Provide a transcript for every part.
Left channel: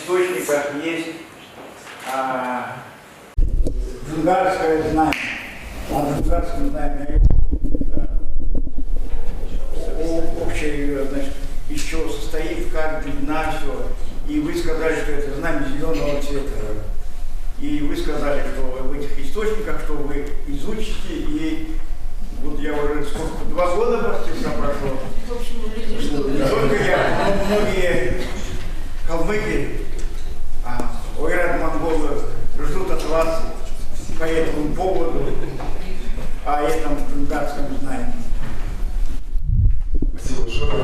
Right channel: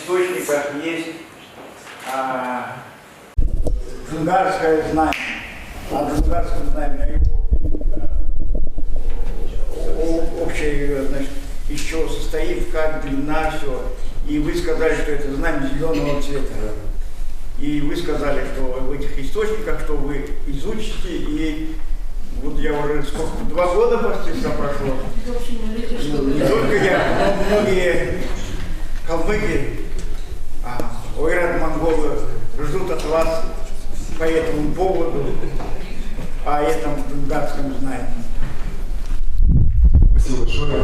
источниках есть джунгарское знамя. О джунгарском знамени общее, значит, из чего состоит, как длина, все. И вы сказали, что это знамя зеленого цвета. И вы сказали, что в этих источниках, что вы изучите, и вот я уже сколько, 2 года почти прошло. Не только я, но многие калмыки, ойрат-монголы ждут от вас по этому поводу, о этом джунгарском знании. Спасибо большое.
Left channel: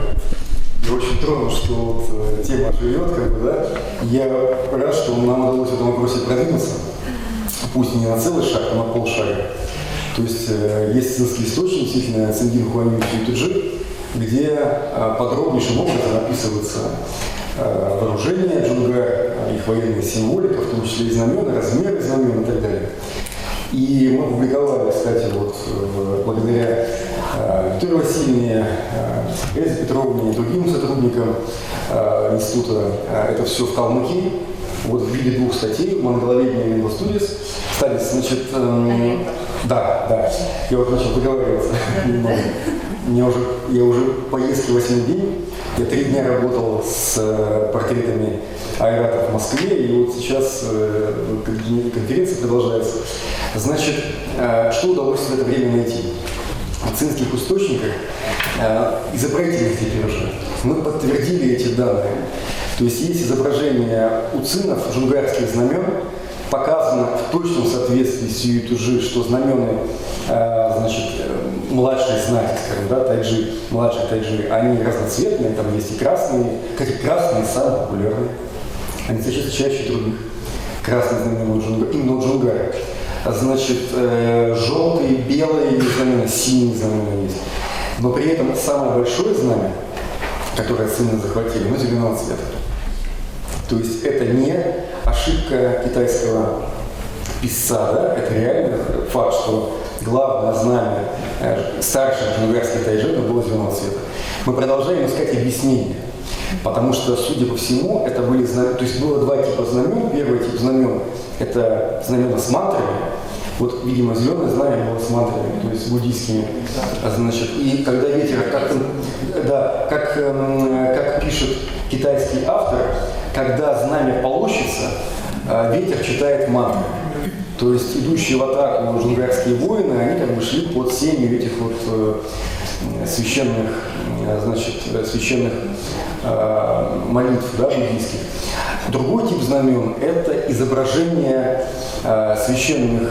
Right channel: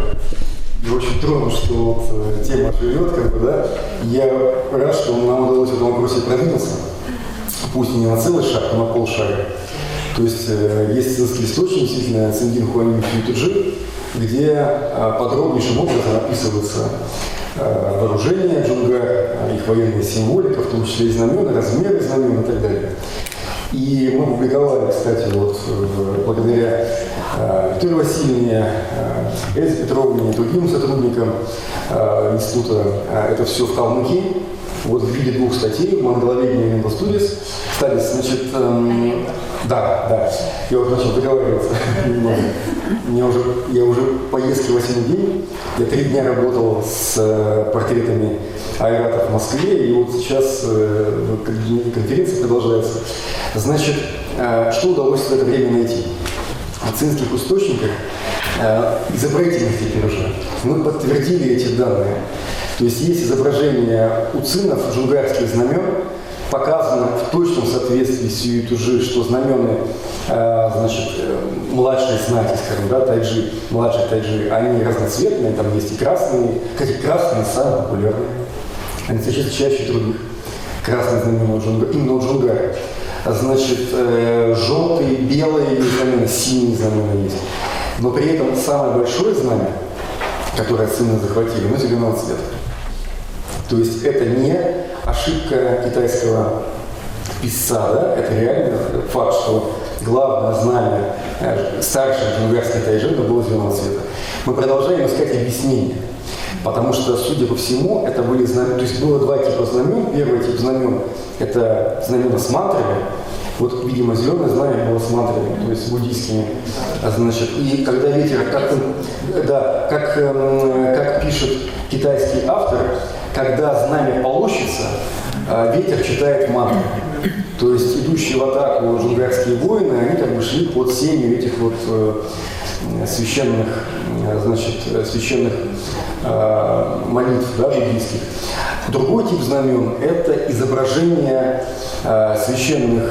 Я очень тронут, что вот тема живет, как бы, да. Я рад, что нам удалось в этом вопросе продвинуться, пусть и не на целый шаг, но на полшага. То есть есть цинский источник, действительно, Циндин Хуанин Фьютуджи, где подробнейшим образом описывается вооружение джунгар, их военная символика, в том числе и знамена, размеры знамен и так далее. И мы публиковали, кстати, вот благодаря Виктории Васильевне, Эльзе Петровне и другим сотрудникам института, это все в Калмыкии, вот в виде 2 статей, «Монголоведение» и «Мендел Студис». Кстати, значит, да, я вот начал договариваться немного. Я уже поездки 8-й день, я 3 дня работал с портретами айратов в Москве, и вот сейчас конференция продолжается. Значит, что удалось в это время найти? В цинских источниках, изобразительных теперь уже, мы подтвердили эти данные. То есть есть изображение у цинов джунгарских знамен, показано в точном соответствии с Юйтуджи, что знамены, значит, младшей знати, скажем, да, тайджи, младших тайджи, они разноцветные, там есть и красные, кстати, красные самые популярные, они встречаются чаще других. Красные знамена у джунгар, именно у джунгаров. Значит, желтые, белые знамена, синие знамена есть. Но при этом самое большое знамя, которое цины захватили, оно зеленого цвета. То есть это не ошибка китайского писца, да? Это реально факт, что главное знамя старших джунгарских тайжи было зеленого цвета. Мы продолжаем искать объяснение. Потому что, судя по всему, это были знамена, то есть было 2 типа знамен. Первый тип знамен – это знамена с мантрами. Вот, видимо, зеленое знамя было с мантрами, то есть буддийскими. Значит, и когда ветер, как пишет китайский автор, когда знамя полощется, ветер читает мантры. То есть идущие в атаку джунгарские воины, они как бы шли под сенью этих вот священных молитв, да, буддийских. Другой тип знамен – это изображение священных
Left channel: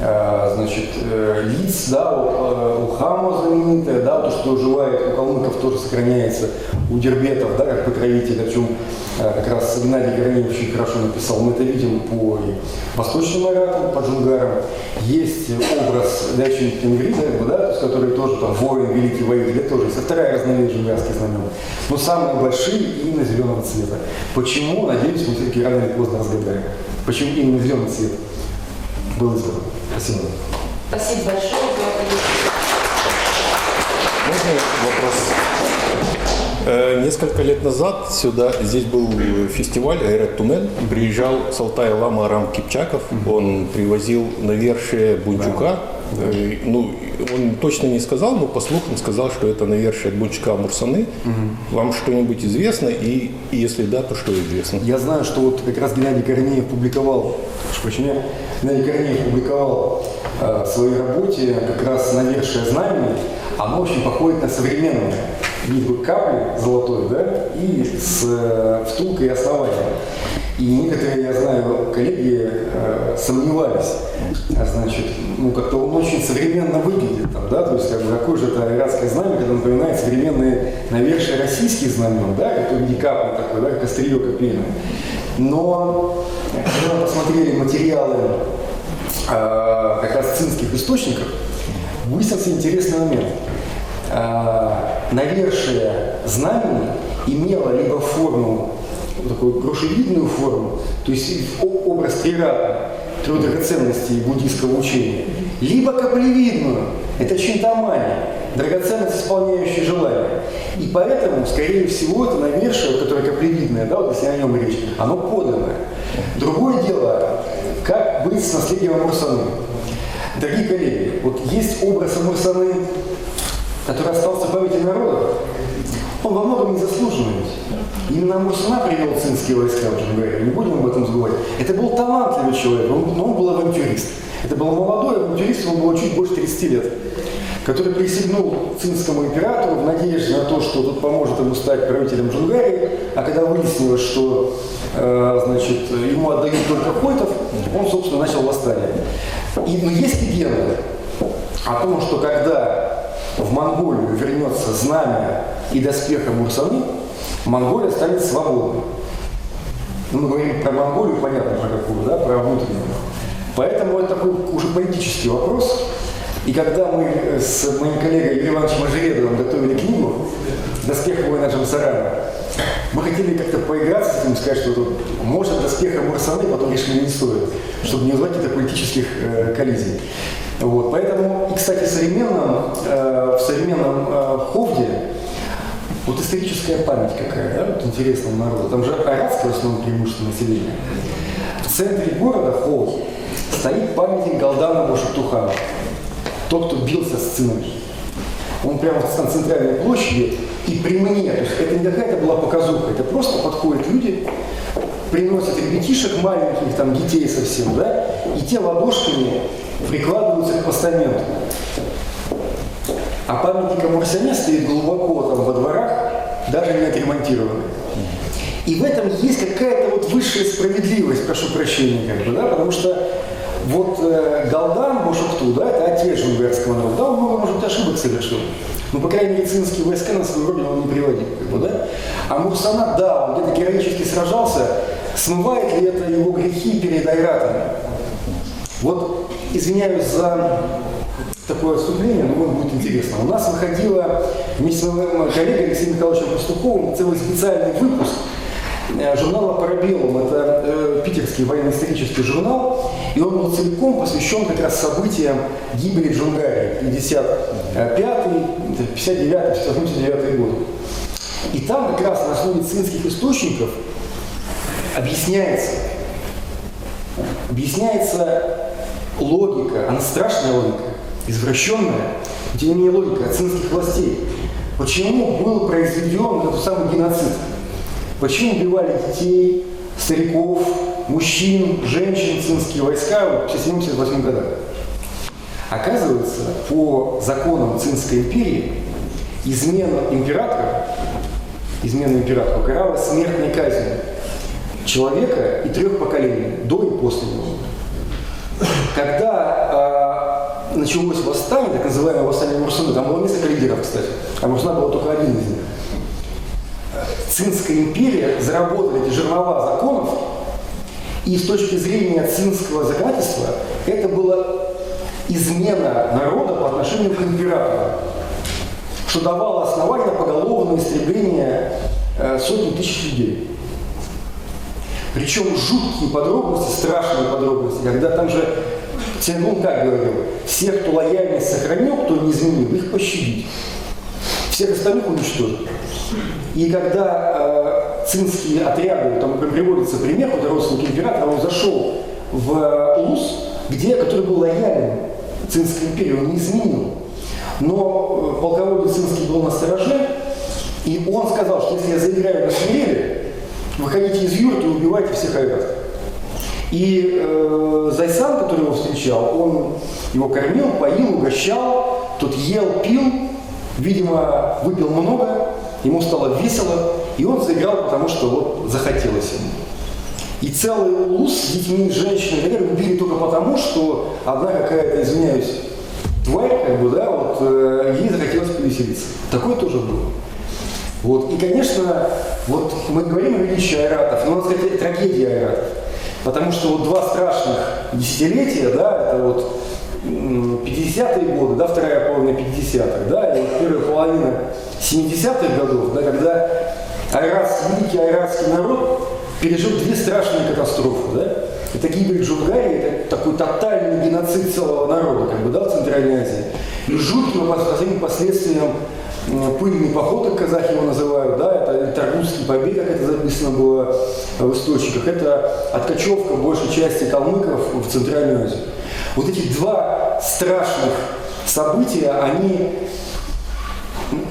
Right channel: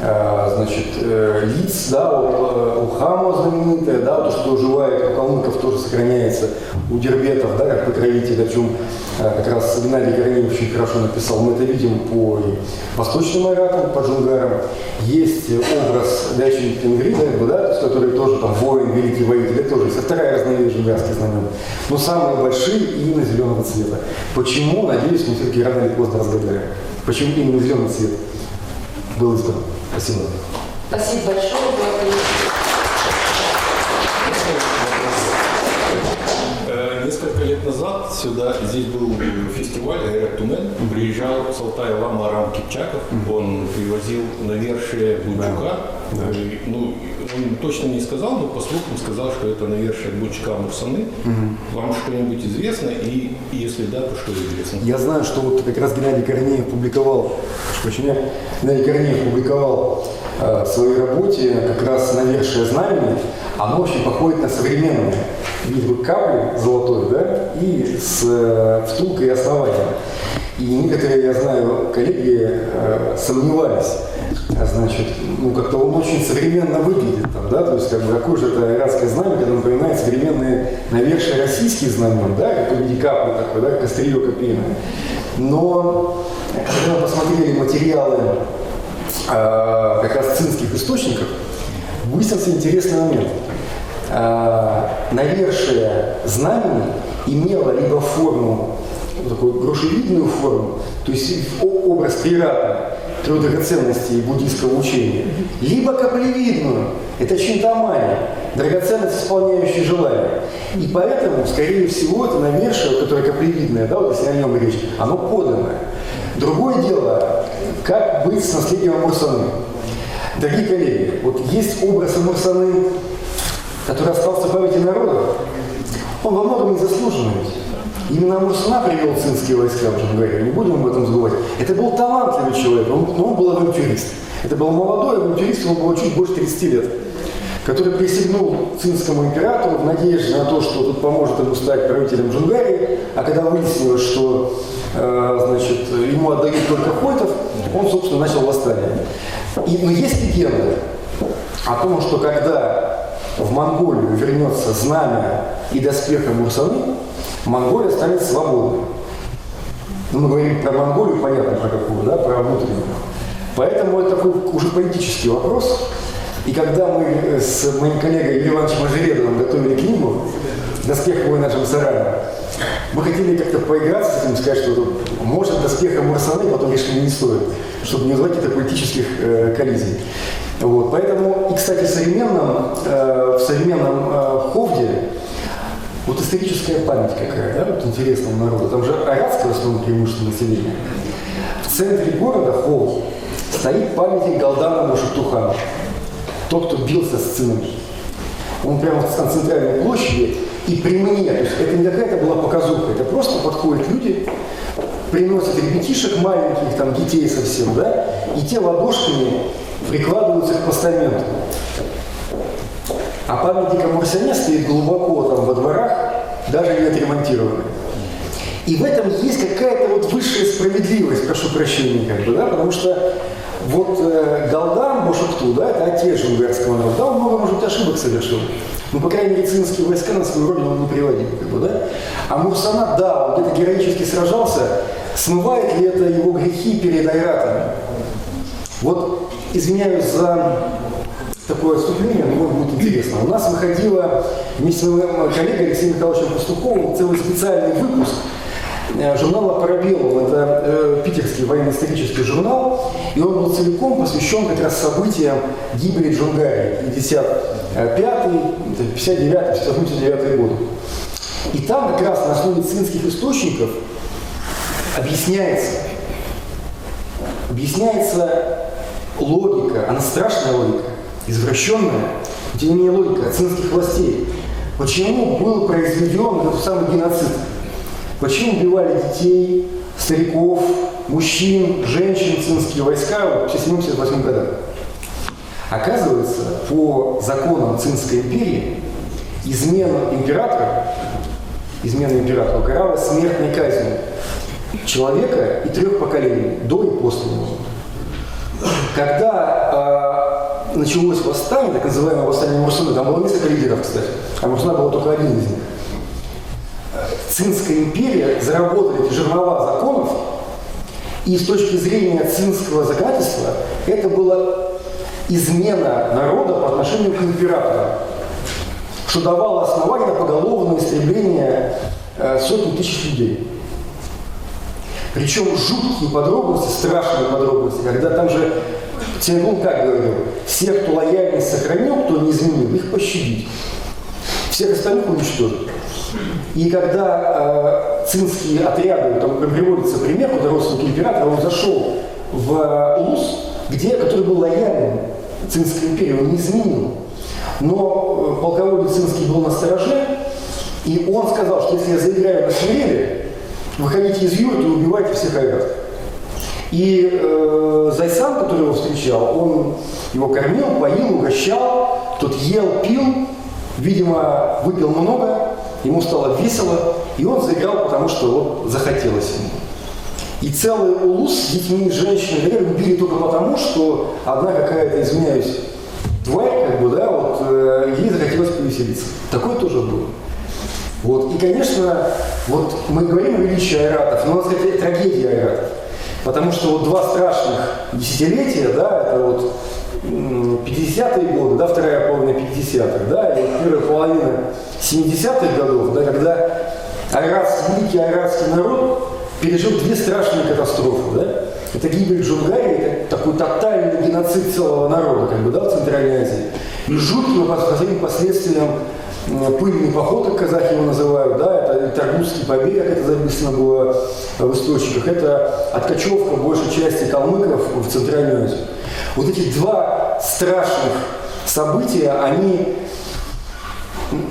лиц, да, вот Улхама знаменитая, да, то, что оживает у калмыков, тоже сохраняется у дербетов, да, как покровитель, о чем как раз Геннадий Корнеев очень хорошо написал. Мы это видим по восточным айратам, по джунгарам. Есть образ Дячин Тенгри, да, то есть, который тоже там воин, великий воитель, это тоже есть. Вторая разновидность джунгарских знамен. Но самые большие именно зеленого цвета. Почему? Надеюсь, мы все-таки рано или поздно разгадаем. Почему именно зеленый цвет был избран? Спасибо. Спасибо большое. Можно вопрос? Несколько лет назад здесь был фестиваль «Айрат Тумен». Приезжал с Алтая лама Арам Кипчаков. Он привозил навершие Бунчука. Ну, он точно не сказал, но по слухам сказал, что это навершие Бунчука Мурсаны. Вам что-нибудь известно? И если да, то что известно? Я знаю, что вот как раз Геннадий Корнеев публиковал, в своей работе как раз навершие знамени. Оно очень походит на современное. Видите, капли золотой, да, и с втулкой и основанием. И некоторые, я знаю, коллеги сомневались. Значит, как-то он очень современно выглядит там, да, то есть какое же это айратское знамя, когда напоминает современные навершие российских знамен, да, как в виде капли такой, да, как острие копейное. Но когда мы посмотрели материалы как раз цинских источников, выяснился интересный момент. Навершие знамени имело либо форму, такую грушевидную форму, то есть образ трирата, трех драгоценностей буддийского учения, либо каплевидную, это чинтамани, драгоценность, исполняющая желание. И поэтому, скорее всего, это навершие, которое каплевидное, да, вот если о нем речь, оно подлинное. Другое дело, как быть с наследием Амурсаны. Дорогие коллеги, вот есть образ Амурсаны, который остался в памяти народа, он во многом незаслуженный ведь. Именно Амурсана привел цинские войска в Джунгарию, не будем об этом забывать. Это был талантливый человек, но он был авантюрист. Это был молодой авантюрист, ему было чуть больше 30 лет, который присягнул цинскому императору в надежде на то, что тот поможет ему стать правителем Джунгарии, а когда выяснилось, что значит, ему отдают только хойтов, он, собственно, начал восстание. Но есть легенда о том, что когда в Монголию вернется знамя и доспех Амурсаны, Монголия станет свободной. Ну, мы говорим про Монголию, понятно, про какую, да, про внутреннюю. Поэтому это такой уже политический вопрос. И когда мы с моим коллегой Юрием Ивановичем Ажередовым готовили книгу «Доспех воина Джамсарана», мы хотели как-то поиграться с этим, сказать, что может доспех Амурсаны, потом решили не стоит, чтобы не вызвать каких-то политических коллизий. Вот. Поэтому, и, кстати, в современном Ховде вот историческая память какая, да, вот интересная у народа. Там же аратское в основном преимущество населения. В центре города Хов стоит памятник Галдану Бошоктухану. Тот, кто бился с цинами. Он прямо на центральной площади, и при мне, то есть это не какая-то была показуха, это просто подходят люди, приносят ребятишек маленьких, там детей совсем, да, и те ладошками прикладываются к постаменту. А памятник Амурсане стоит глубоко там во дворах, даже не отремонтированный. И в этом есть какая-то вот высшая справедливость, прошу прощения, как бы, да, потому что вот Галдан Бошокту, да, это отец джунгарского народа, да, он много, может быть, ошибок совершил. Но, по крайней мере, цинские войска на свою родину он не приводил, как бы, да. А Мурсана, да, он где-то героически сражался, смывает ли это его грехи перед айратами? Вот, извиняюсь за такое отступление, но будет интересно. У нас выходило вместе с моим коллегой Алексеем Михайловичем Пастуховым целый специальный выпуск журнала «Парабеллум». Это питерский военно-исторический журнал, и он был целиком посвящен как раз событиям гибели Джунгарии 55-й, 59-й, 79-й годы. И там как раз на основе цинских источников объясняется логика, она страшная логика, извращенная, но тем не менее логика цинских властей. Почему был произведен этот самый геноцид? Почему убивали детей, стариков, мужчин, женщин цинские войска в 1978 годах? Оказывается, по законам Цинской империи измена императора каралась смертной казнью человека и 3 поколений, до и после него. Когда началось восстание, так называемое восстание Амурсаны, там было несколько лидеров, кстати, а Амурсана был только один из них. Цинская империя заработали эти жернова законов, и с точки зрения цинского законодательства это была измена народа по отношению к императору, что давало основание на поголовное истребление сотен тысяч людей. Причем жуткие подробности, страшные подробности, когда там же Цингун как говорил, всех, кто лояльность сохранил, кто не изменил, их пощадить, всех остальных уничтожить. И когда цинские отряды, там приводится пример, когда родственник императора, он зашел в Улус, который был лояльным Цинской империи, он не изменил. Но полководец цинский был на стороже, и он сказал, что если я заиграю на свирели, выходите из юрты и убивайте всех айратов. И Зайсан, который его встречал, он его кормил, поил, угощал, тот ел, пил, видимо, выпил много, ему стало весело, и он заиграл, потому что вот захотелось ему. И целый улус с детьми, женщинами, наверное, убили только потому, что одна какая-то, извиняюсь, тварь, как бы, да, вот ей захотелось повеселиться. Такое тоже было. Вот. И, конечно, вот мы говорим о величии айратов, но у нас это трагедия айратов. Потому что вот 2 страшных десятилетия, да, это вот 50-е годы, да, вторая половина 50-х, да, и вот первая половина 70-х годов, да, когда великий айратский народ пережил 2 страшные катастрофы, да. это гибель Джунгари, это такой тотальный геноцид целого народа, как бы, да, в Центральной Азии. И жутким последствиям пыльный поход, как казахи его называют, да, это Таргутский побег, как это записано было в источниках, это откачевка большей части калмыков в Центральную Азию. Вот эти два страшных события, они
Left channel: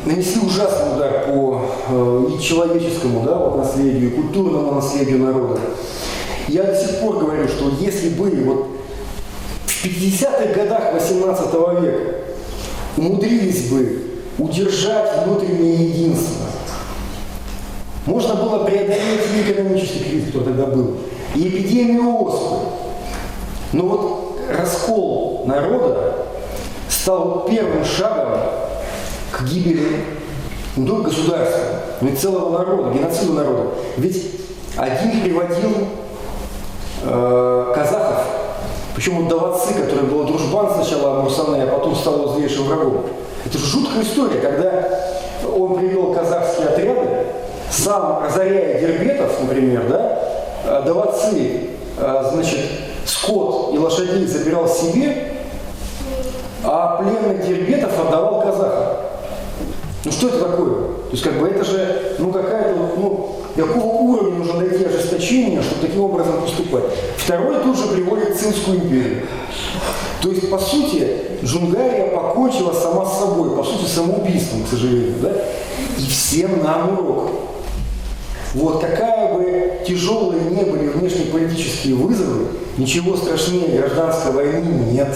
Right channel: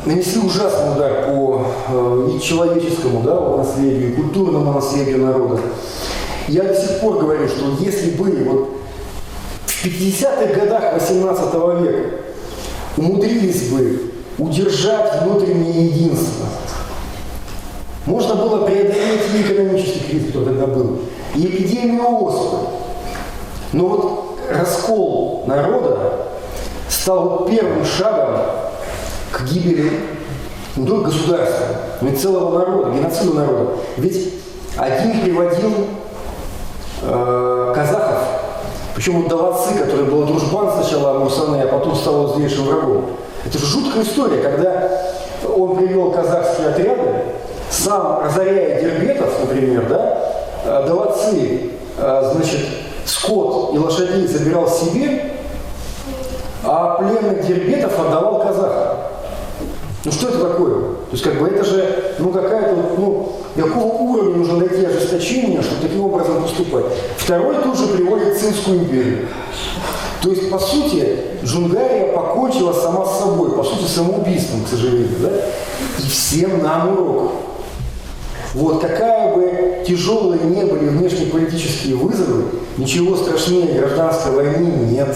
нанесли ужасный удар по и человеческому, да, вот, наследию, и культурному наследию народа. Я до сих пор говорю, что если бы вот в 50-х годах 18 века умудрились бы удержать внутреннее единство, можно было преодолеть и экономический кризис, который тогда был, и эпидемию оспы. Но вот раскол народа стал первым шагом к гибели не только государства, но и целого народа, геноциду народа. Ведь один приводил казахов, причем вот Даватсы, который был дружбан сначала Амурсаны, а потом стал его злейшим врагом. Это же жуткая история, когда он привел казахские отряды, сам разоряя дербетов, например, да, Даватсы, значит, скот и лошадей забирал себе, а пленных дербетов отдавал казахам. Ну что это такое? То есть как бы это же, ну какая-то, ну, какого уровня нужно дойти ожесточения, чтобы таким образом поступать. Второй тут же приводит Цинскую империю. То есть, по сути, Джунгария покончила сама с собой, по сути, самоубийством, к сожалению, да? И всем нам урок. Вот какая бы тяжелые не были внешнеполитические вызовы, ничего страшнее гражданской войны нет.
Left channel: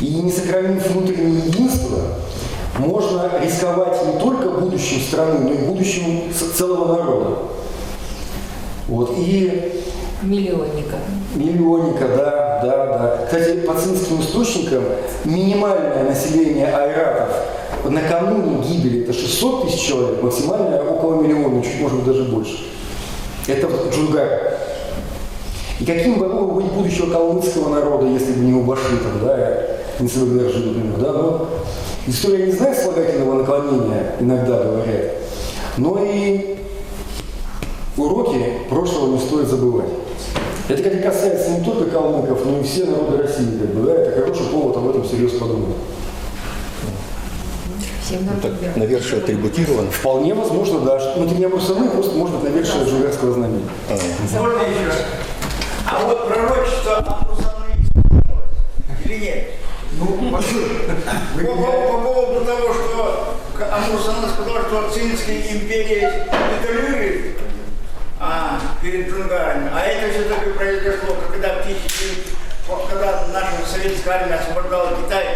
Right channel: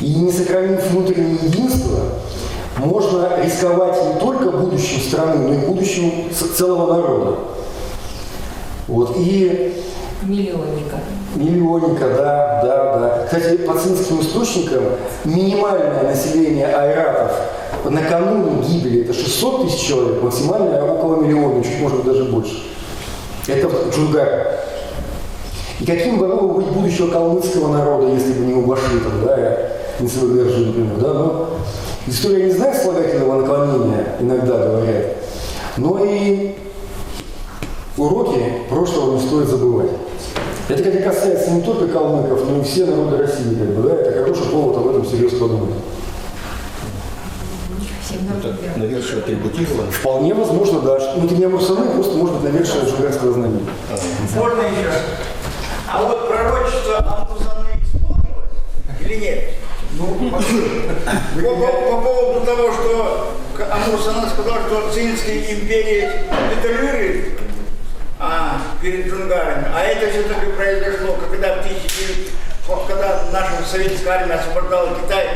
И не сохранив внутреннее единство, можно рисковать не только будущим страны, но и будущим целого народа. Вот. И Миллионника, да. Кстати, по цинским источникам минимальное население айратов накануне гибели это 600 тысяч человек, максимальное около миллиона, чуть может быть даже больше. Это Джунгар. И каким бы могло быть будущего калмыцкого народа, если бы не Убаши, да, не Савыгдержи, например, да, но история не знает слагательного наклонения, иногда говорят, но и уроки прошлого не стоит забывать. Это, кстати, касается не только калмыков, но и все народы России, как бы, да, это хороший повод об этом серьезно подумать. Это навершие атрибутировано? Вполне возможно, да. Ну, это не Амурсаны, просто может быть навершие джунгарского знамени. Можно еще? А вот пророчество Амурсаны исполнилось или нет? Ну, по поводу того, что Амурсана сказал, что Цинская империя капитулирует перед джунгарами, а это все-таки произошло, когда наша советская армия освобождала Китай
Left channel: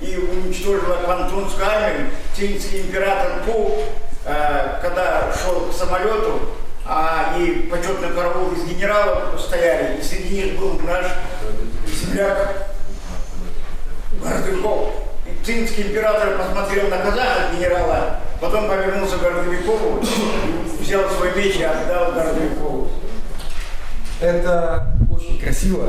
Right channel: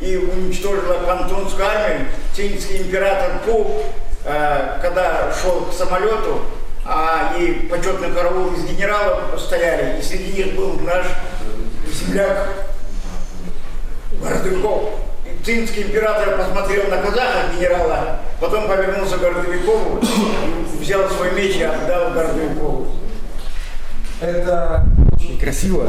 и уничтожила Пантунскую армию, цинский император Пу, когда шел к самолету, и почетный караул из генералов стояли, и среди них был наш земляк Гордовиков. Цинский император посмотрел на казаха генерала, потом повернулся к Гордовикову, взял свой меч и отдал Гордовикову. Это очень красиво.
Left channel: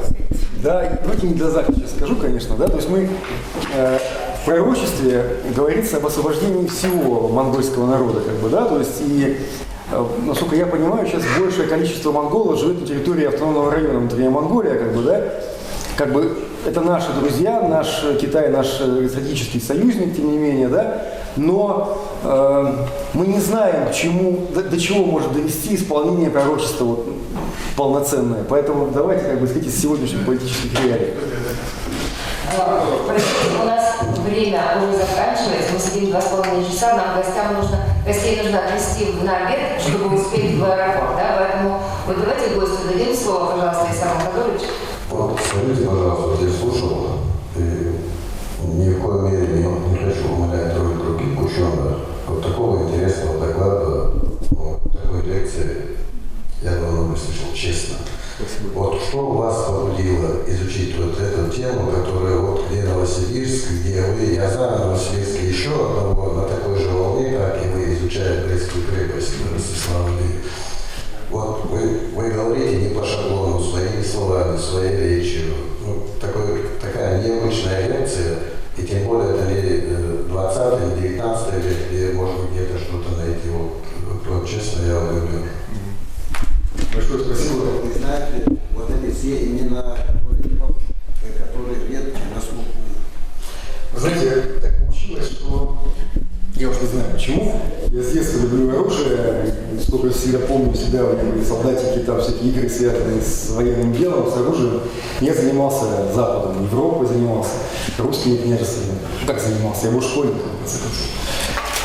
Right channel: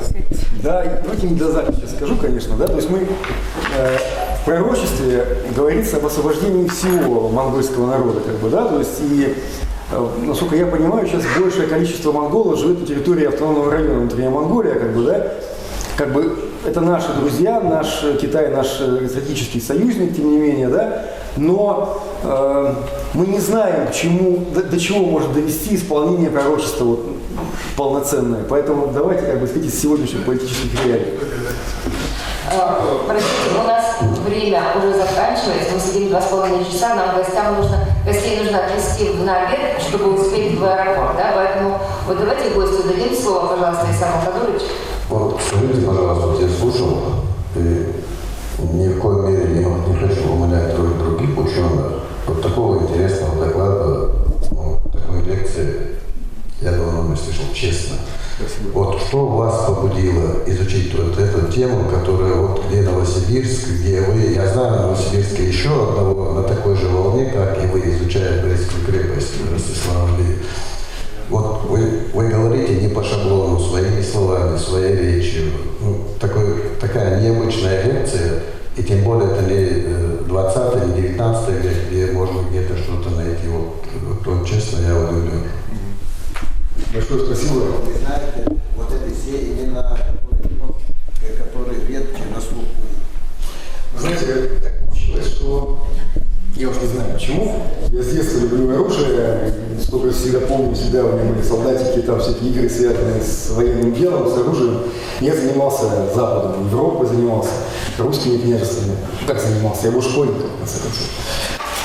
Да, давайте не для записи сейчас скажу, конечно, да. То есть мы в пророчестве говорится об освобождении всего монгольского народа, как бы, да. То есть и насколько я понимаю, сейчас большее количество монголов живет на территории автономного района внутренняя Монголия, как бы, да. Как бы это наши друзья, наш Китай, наш стратегический союзник, тем не менее, да. Но мы не знаем, до чего может довести исполнение пророчества вот, полноценное. Поэтому давайте, как бы сказать, из сегодняшних политических реалий. Простите, у нас время уже заканчивается, мы сидим 2,5 часа, нам гостей нужно отвезти на обед, чтобы успеть в аэропорт, да? Поэтому вот давайте гостю дадим слово, пожалуйста, Исаак Махадурович. Вот, скажите, пожалуйста, вот я слушал, и ни в коей мере не хочу умалять других ученых. Вот такого интересного доклада, такой лекции я давно не слышал, честно. Спасибо. Вот что вас побудило изучить вот эту тему, которая вот где Новосибирск, где вы, я знаю в Новосибирске еще одного на такой же волне, как и вы, изучая Брестскую крепость, Ростислав Ильич. Вот вы говорите не по шаблону, своими словами, своей речью. Ну, такая необычная лекция, и тем более это не 20 не 19 век, где можно где-то что-то найти. Вот честно, я удивлен. Большое спасибо. Вы знаете, вот эти все имена, которые редки на слуху. Вы знаете, так получилось, что я уж не знаю почему. Я с детства люблю оружие, сколько всегда помню, всегда у меня были солдатики, там всякие игры, связанные с военным делом, с оружием. Я занимался Западом, Европой занимался, русскими княжествами. Как занимался? Я был школьником, в конце концов.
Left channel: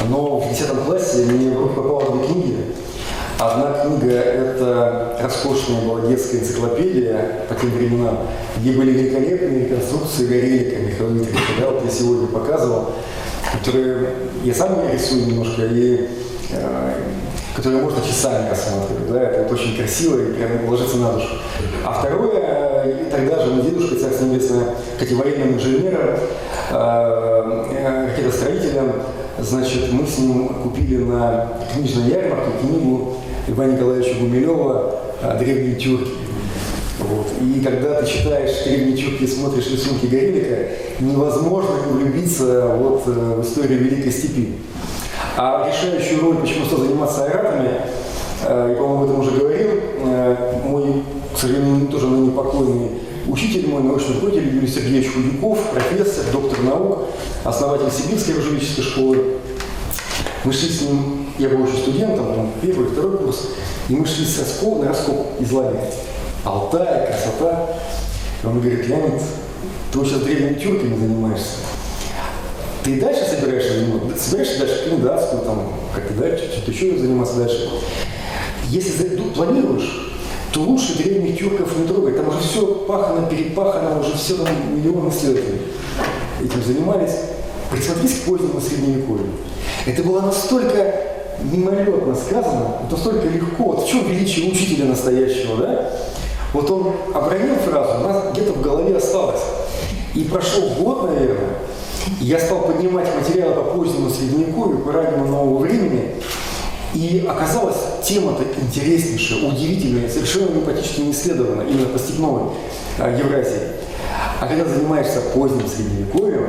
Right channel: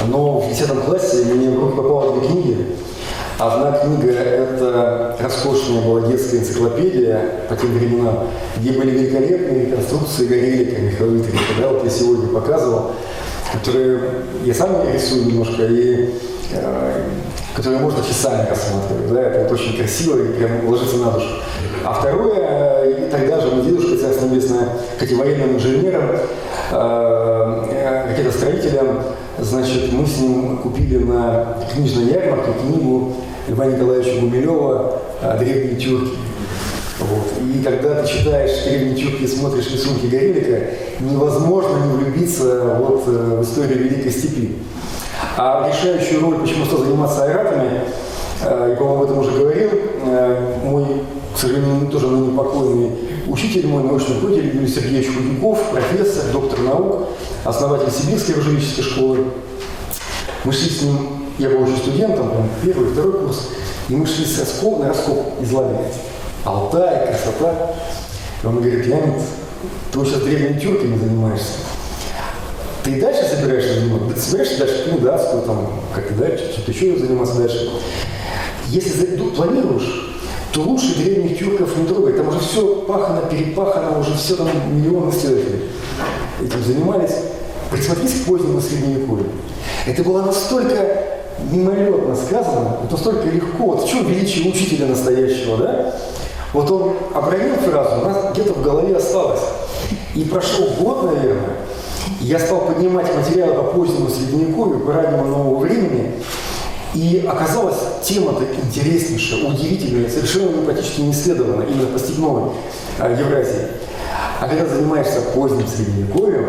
Но в 10 классе мне в руки попало 2 книги. Одна книга – это роскошная была детская энциклопедия по тем временам, где были великолепные реконструкции Горелика Михаила Дмитриевича, да, вот я сегодня показывал, которые я сам рисую немножко, и которые можно часами рассматривать, да, это вот очень красиво и прям ложится на душу. А второе, и тогда же мой дедушка, царство небесное, хотя военным инженером, каким-то строителем, значит, мы с ним купили на книжной ярмарке книгу Льва Николаевича Гумилева «Древние тюрки». Вот. И когда ты читаешь «Древние тюрки» и смотришь рисунки Горелика, невозможно не влюбиться вот в историю Великой Степи. А решающую роль, почему стал заниматься айратами, я, по-моему, об этом уже говорил, мой, к сожалению, тоже ныне покойный учитель, мой научный руководитель Юрий Сергеевич Худяков, профессор, доктор наук, основатель Сибирской оружейнической школы. Мы шли с ним, я был еще студентом, первый, второй курс, и мы шли на раскоп из лагеря. Алтай, красота. И он говорит: Леонид, ты вот сейчас древними тюрками занимаешься. Ты и дальше собираешься заниматься? Собираешься дальше кандидатскую, там, как-то дальше, что-то еще заниматься дальше? Если планируешь, то лучше древних тюрков не трогать. Там уже все пахано, перепахано, уже все там миллионы исследователей этим занимались. Присмотрись к позднему средневековью. Это было настолько мимолетно сказано, вот настолько легко. Вот в чем величие учителя настоящего, да? Вот он обронил фразу, у нас где-то в голове осталось. И прошел год, наверное, и я стал поднимать материалы по позднему средневековью, по раннему нового времени. И оказалось, тема-то интереснейшая, удивительная, совершенно практически не исследована, именно по степной Евразии. А когда занимаешься поздним средневековьем,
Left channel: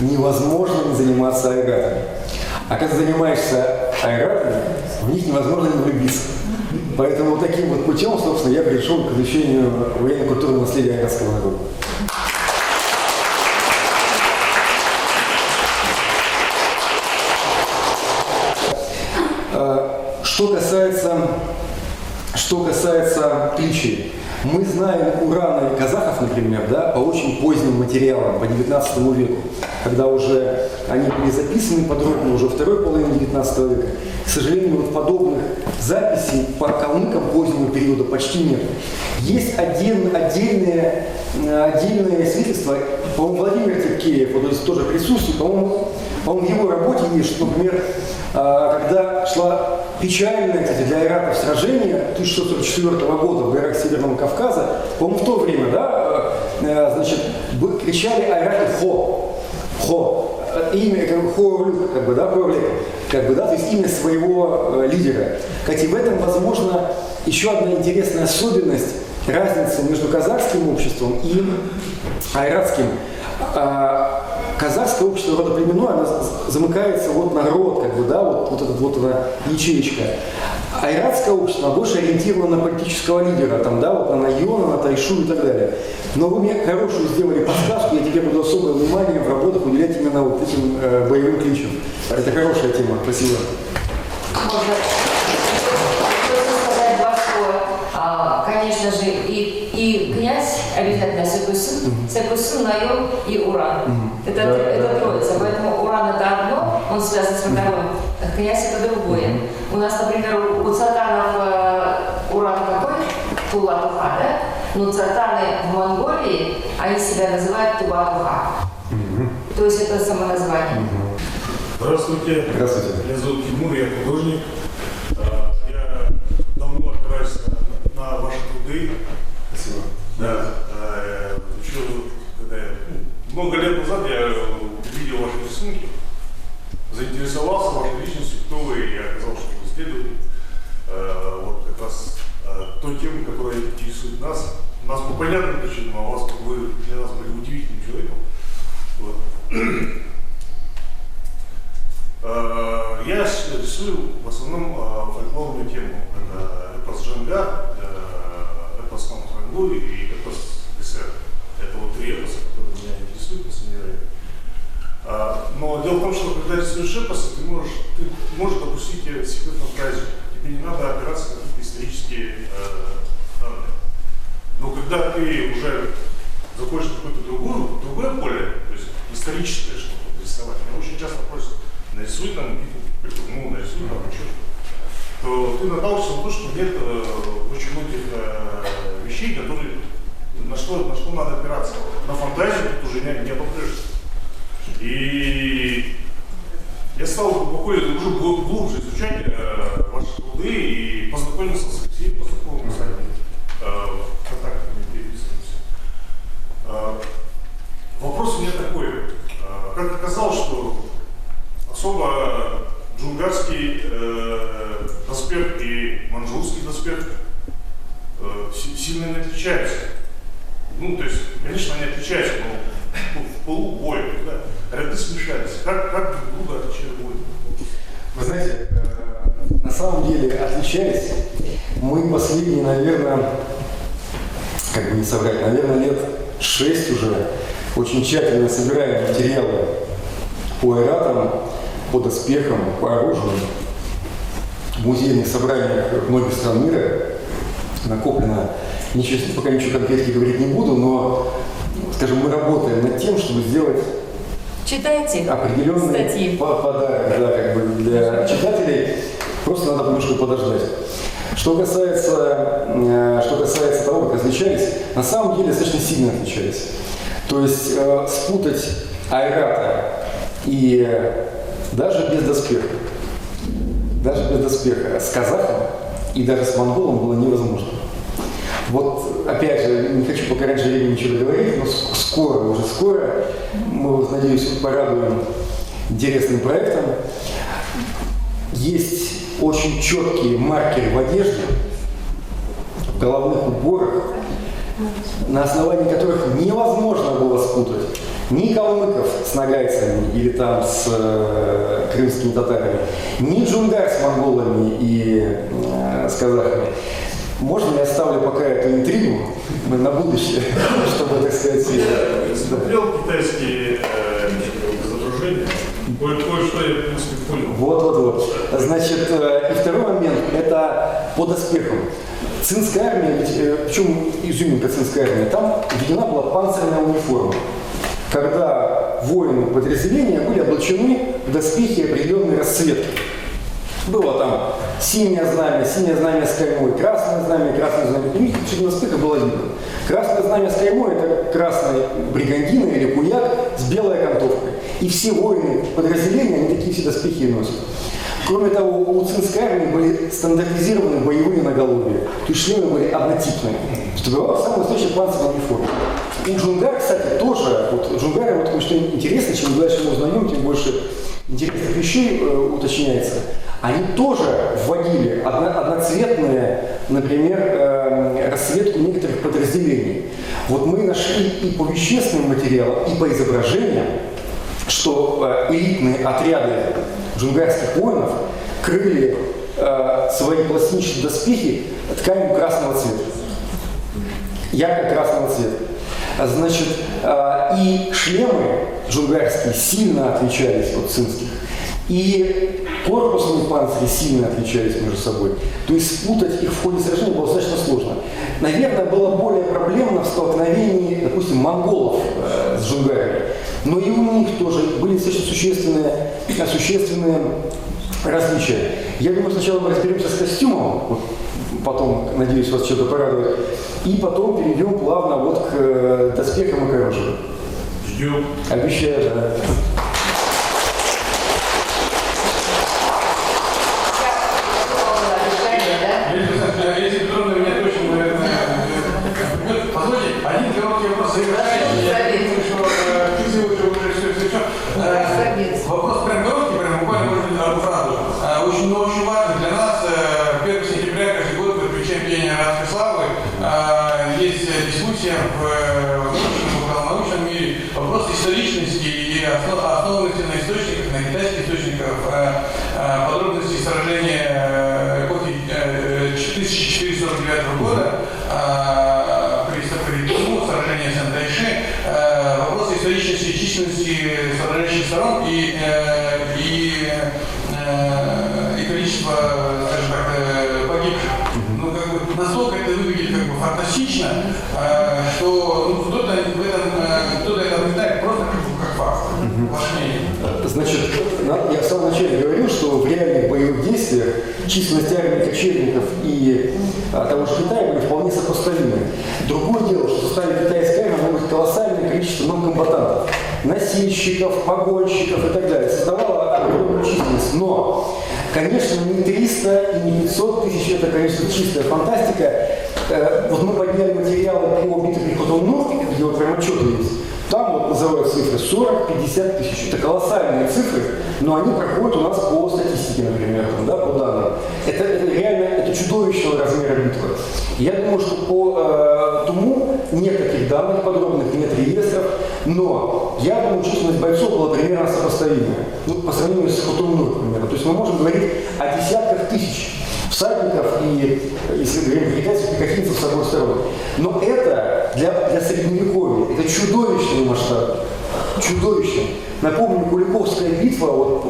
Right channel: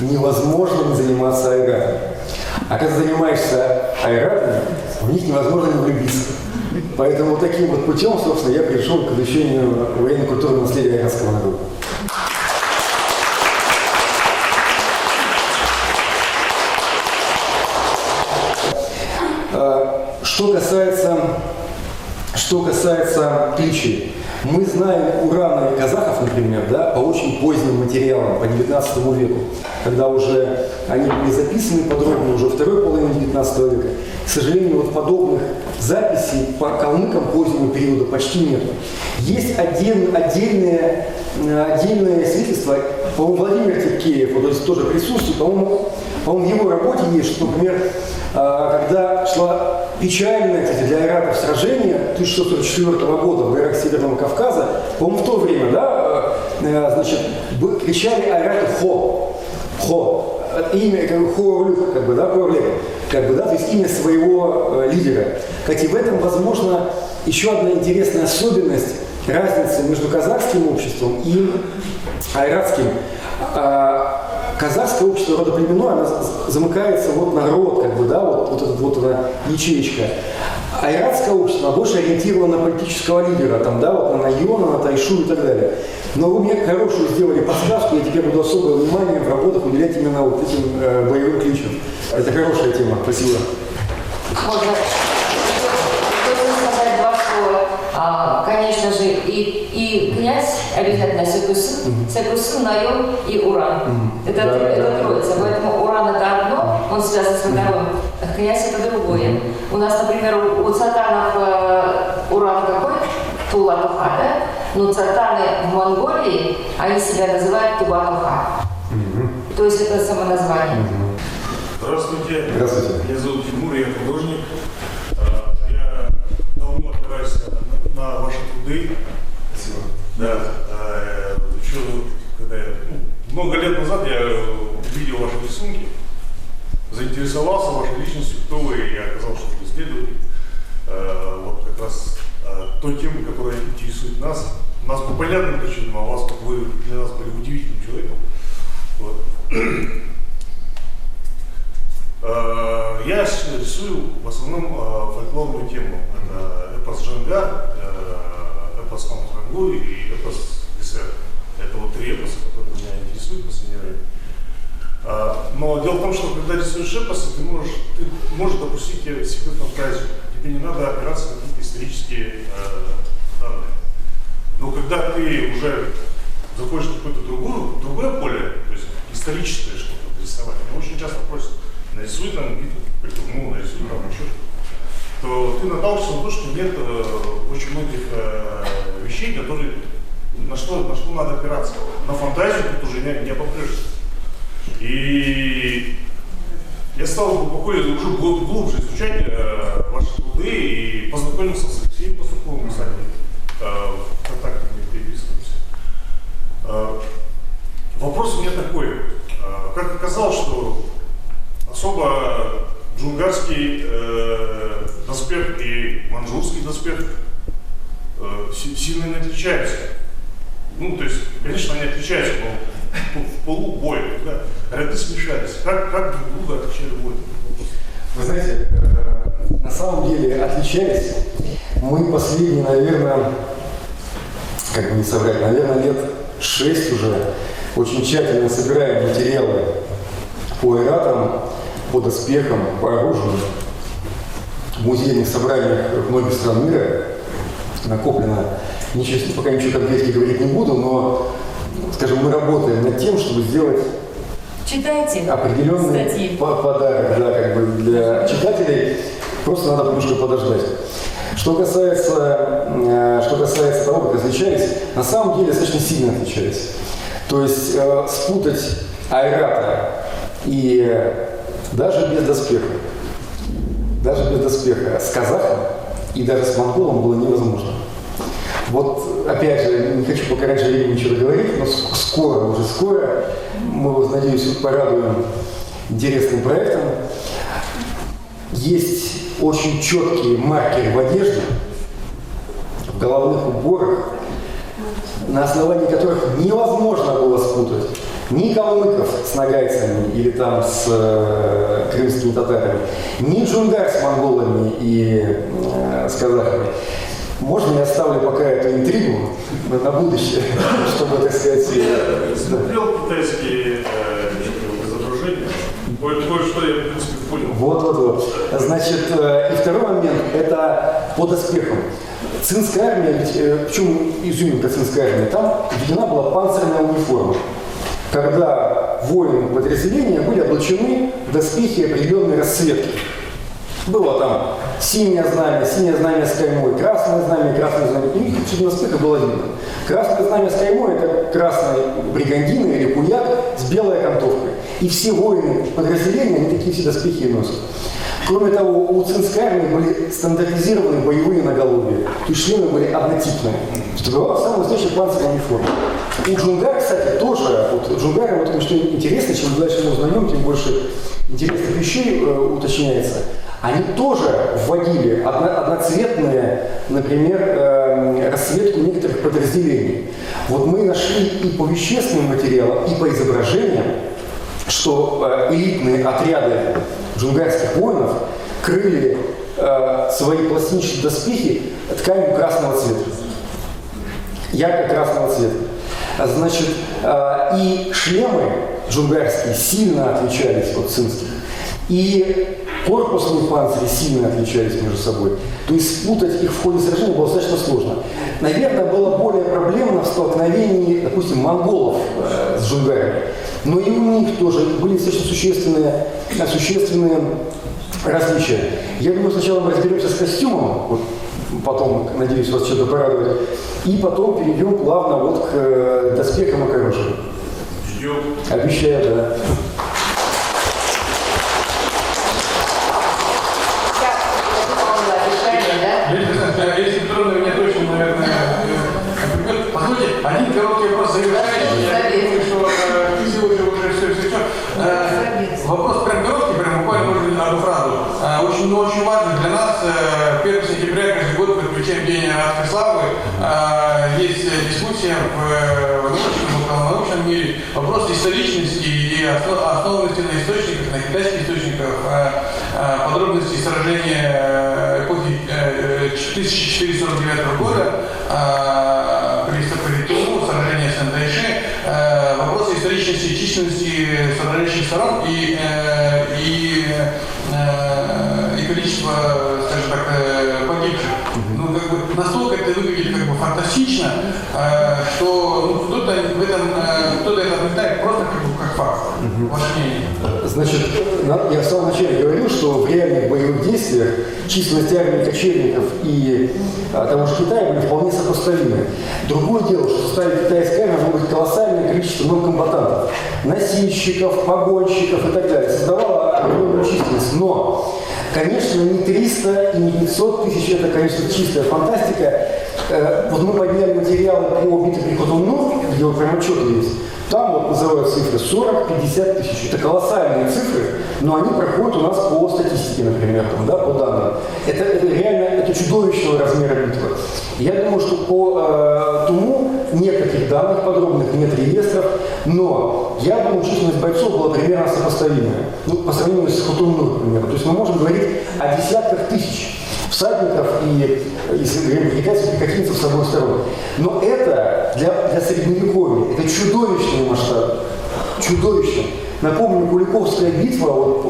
невозможно не заниматься айратами. А когда занимаешься айратами, в них невозможно не влюбиться. Поэтому вот таким вот путем, собственно, я пришел к изучению военно-культурного наследия айратского народа. Что касается кличей, мы знаем ураны казахов, например, да, по очень поздним материалам, по 19 веку, когда уже они были записаны подробно уже второй половине 19 века. К сожалению, вот подобных записей по калмыкам позднего периода почти нет. Есть отдельные свидетельства, по-моему, Владимир Тепкеев, вот здесь тоже присутствует, по-моему, в его работе есть, что, например, когда шла печальное, кстати, для айратов сражение 1644 года в горах Северного Кавказа, по-моему, в то время, да, значит, кричали айраты «Хо», «Хо», имя, Хо-Орлюк, как бы, да, то есть имя своего лидера. Кстати, в этом, возможно, еще одна интересная особенность, разница между казахским обществом и айратским. Казахское общество родоплеменное, оно замыкается вот на род, как бы, да, вот эта вот она ячеечка. Айратское общество больше ориентировано на политического лидера, там, да, вот на Найона, на Тайшу и так далее. Но вы мне хорошую сделали подсказку, я тебе буду особое внимание в работах уделять именно вот этим боевым кличам. Это хорошая тема. Спасибо. Можно сказать 2 слова. Конечно же, и князь обязательно Секусын, Найон и Уран. Это троица. Поэтому Уран это одно, он связан с вторым. Князь это другое. У нас, например, у цатанов Уран какой? Тула-Туха, да? Но цатаны в Монголии, они себя называют Туба-Туха. То есть это самоназвание. Здравствуйте. Здравствуйте. Меня зовут Тимур, я художник. Я давно опираюсь на ваши труды. Спасибо. Да. Еще когда много лет назад я увидел ваши рисунки, заинтересовался вашей личностью, кто вы, и я оказалось, что вы исследователь. Вот как раз той темы, которая интересует нас. Нас по понятным причинам, а вас, как вы для нас были удивительным человеком. Вот. Я рисую в основном фольклорную тему. Это эпос Джангар, эпос Дагестан, Хангу и эпос СССР. Это вот 3 эпоса, которые меня интересуют в последнее время. Но дело в том, что когда рисуешь эпосы, ты можешь допустить себе фантазию. Тебе не надо опираться на какие-то исторические данные. Но когда ты уже заходишь в какое-то другое поле, то есть историческое что-то рисовать, меня очень часто просят, нарисуй там битву Притурну, нарисуй там еще что-то, то ты наталкиваешься на то, что нет очень многих вещей, которые, на что надо опираться. На фантазию тут уже не попрешься. И я стал глубоко, уже глубже изучать ваши труды и познакомился с Алексеем Пастуховым, кстати, в контакте мы переписываемся. Вопрос у меня такой. Как оказалось, что особо джунгарский доспех и манчжурский доспех сильно не отличаются. Ну, то есть, конечно, они отличаются, но в полубоя, да, ряды смешались. Как друг друга отличали бой? Вы знаете, на самом деле отличались мы последние, наверное, как бы не соврать, наверное, лет 6 уже очень тщательно собираем материалы по айратам, по доспехам, по оружию. В музейных собраниях многих стран мира накоплено, пока ничего конкретно говорить не буду, но, скажем, мы работаем над тем, чтобы сделать определенный статьи. Подарок, да, как бы для читателей. Просто надо немножко подождать. Что касается того, как отличались, на самом деле достаточно сильно отличались. То есть спутать айрата и даже без доспеха с казахом и даже с монголом было невозможно. Вот, опять же, не хочу пока раньше времени ничего говорить, но уже скоро мы вас, надеюсь, порадуем интересным проектом. Есть очень четкие маркеры в одежде, в головных уборах, на основании которых невозможно было спутать ни калмыков с нагайцами или там с крымскими татарами, ни джунгар с монголами и с казахами. Можно я оставлю пока эту интригу на будущее, чтобы, так сказать... Я смотрел китайские изображения, кое-что я, в принципе, понял. Вот. Значит, и второй момент, это по доспехам. Цинская армия, в чем изюминка цинской армии? Там введена была панцирная униформа, когда воины подразделения были облачены в доспехи определенной расцветки. Было там синее знамя с каймой, красное знамя. И у них на доспехах было видно. Красное знамя с каймой – это красная бригандина или куяк с белой окантовкой. И все воины подразделения, они такие все доспехи и носят. Кроме того, у цинской армии были стандартизированы боевые наголовья. То есть шлемы были однотипные. Что была самая настоящая панцирная униформа. У джунгар, кстати, тоже. Вот джунгары, вот что интересно, чем дальше мы узнаем, тем больше интересных вещей уточняется. Они тоже вводили одноцветные, например, расцветку некоторых подразделений. Вот мы нашли и по вещественным материалам, и по изображениям, что элитные отряды джунгарских воинов крыли свои пластинчатые доспехи тканью красного цвета. Ярко-красного цвета. Значит, и шлемы джунгарские сильно отличались от цинских. И корпусные панцири сильно отличались между собой. То есть спутать их в ходе сражения было достаточно сложно. Наверное, было более проблемно в столкновении, допустим, монголов с джунгарами. Но и у них тоже были достаточно существенные различия. Я думаю, сначала мы разберемся с костюмом, вот, потом, надеюсь, вас что-то порадует, и потом перейдем плавно вот к доспехам и к оружию. Ждем. Обещаю, да. Если трудно, меня точно, наверное, позвольте, один короткий вопрос Вопрос прям короткий, прям буквально может быть одну фразу. Очень важно для нас, 1 сентября каждый год мы отмечаем День арабской славы. Есть дискуссия в научном мире, вопрос историчности и основанности на источниках, на китайских источниках, подробности сражения эпохи 14 1449 года при Туму, сражение Сен-Тайши, вопросы историчности и численности сражающих сторон и количество, скажем так, погибших. Ну, как бы, настолько это выглядит как бы фантастично, что кто-то это отметает просто как факт. Ваше мнение? Значит, я в самом начале говорил, что в реальных боевых действиях численность армии кочевников и того же Китая были вполне сопоставимы. Другое дело, что в составе китайской армии может быть колоссальное количество комбатантов, носильщиков, погонщиков и так далее. Создавало огромную численность. Но, конечно, не 300 и не 500 тысяч, это, конечно, чистая фантастика. Вот мы подняли материалы по битве при Ходунну, где вот прям отчеты есть. Там вот называют цифры 40-50 тысяч. Это колоссальные цифры, но они проходят у нас по статистике, например, там, да, по данным. Это реально это чудовищного размера битвы. Я думаю, что по Туму нет таких данных подробных, нет реестров, но я думаю, численность бойцов была примерно сопоставимая. Ну, по сравнению с Ходунну, например. То есть мы можем говорить о десятках тысяч всадников и, если говорим китайцев, пехотинцев с обоих сторон. Но это для средневековья, это чудовищный масштаб. Чудовищный. Напомню, Куликовская битва, вот,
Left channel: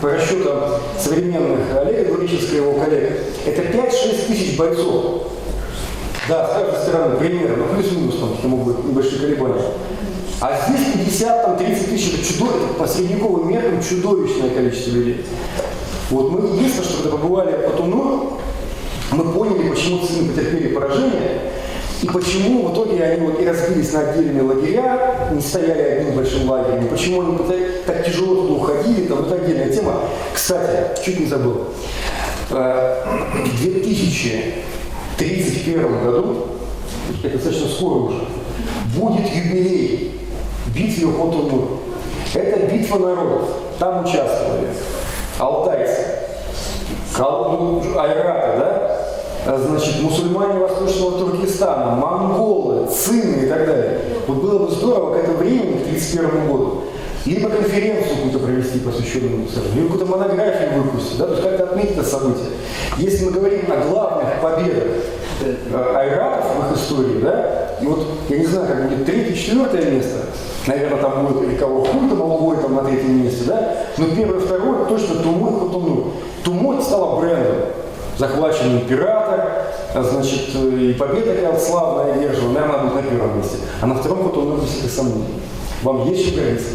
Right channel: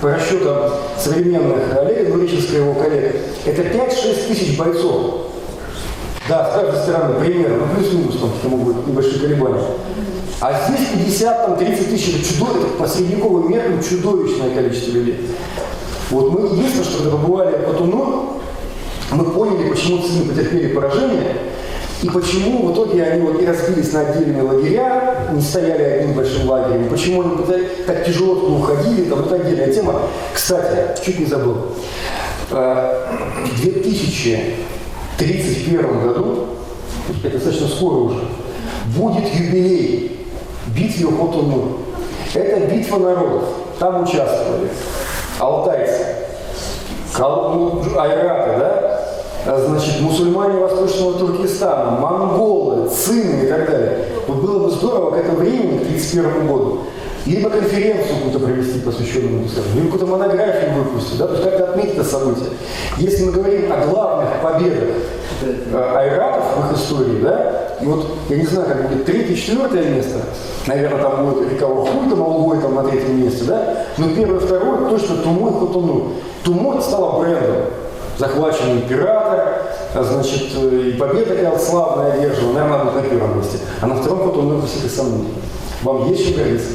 по расчетам современных Олега Двуреченского и его коллег, это 5-6 тысяч бойцов. Да, с каждой стороны, примерно, ну плюс-минус, там могут быть небольшие колебания. А здесь 50-30 тысяч, это по средневековым меркам чудовищное количество людей. Вот мы единственное, что когда побывали в Батуну, мы поняли, почему цины потерпели поражение, и почему в итоге они вот и разбились на отдельные лагеря, не стояли одним большим лагерем, почему они так тяжело туда уходили, там это отдельная тема. Кстати, чуть не забыл, в 2031 году, это достаточно скоро уже, будет юбилей битвы Хотунну. Это битва народов, там участвовали алтайцы, айраты, да? Значит, мусульмане Восточного Туркестана, монголы, цины и так далее. Вот было бы здорово к этому времени, к 1931 году, либо конференцию какую-то провести, посвященную этому, либо какую-то монографию выпустить, да? То есть как-то отметить это событие. Если мы говорим о главных победах айратов в их истории, да, и вот, я не знаю, как будет 3-4 место, наверное, там будет река Урхуль, там Алгой там на 3-м месте, да, но 1-2 точно Туму и Хотунну. Туму это стало брендом. Захваченный император, значит, и победа какая-то славная одержана, наверное, будет на 1-м месте. А на 2-м Хотунну высоких сомнений. Вам есть чем гордиться?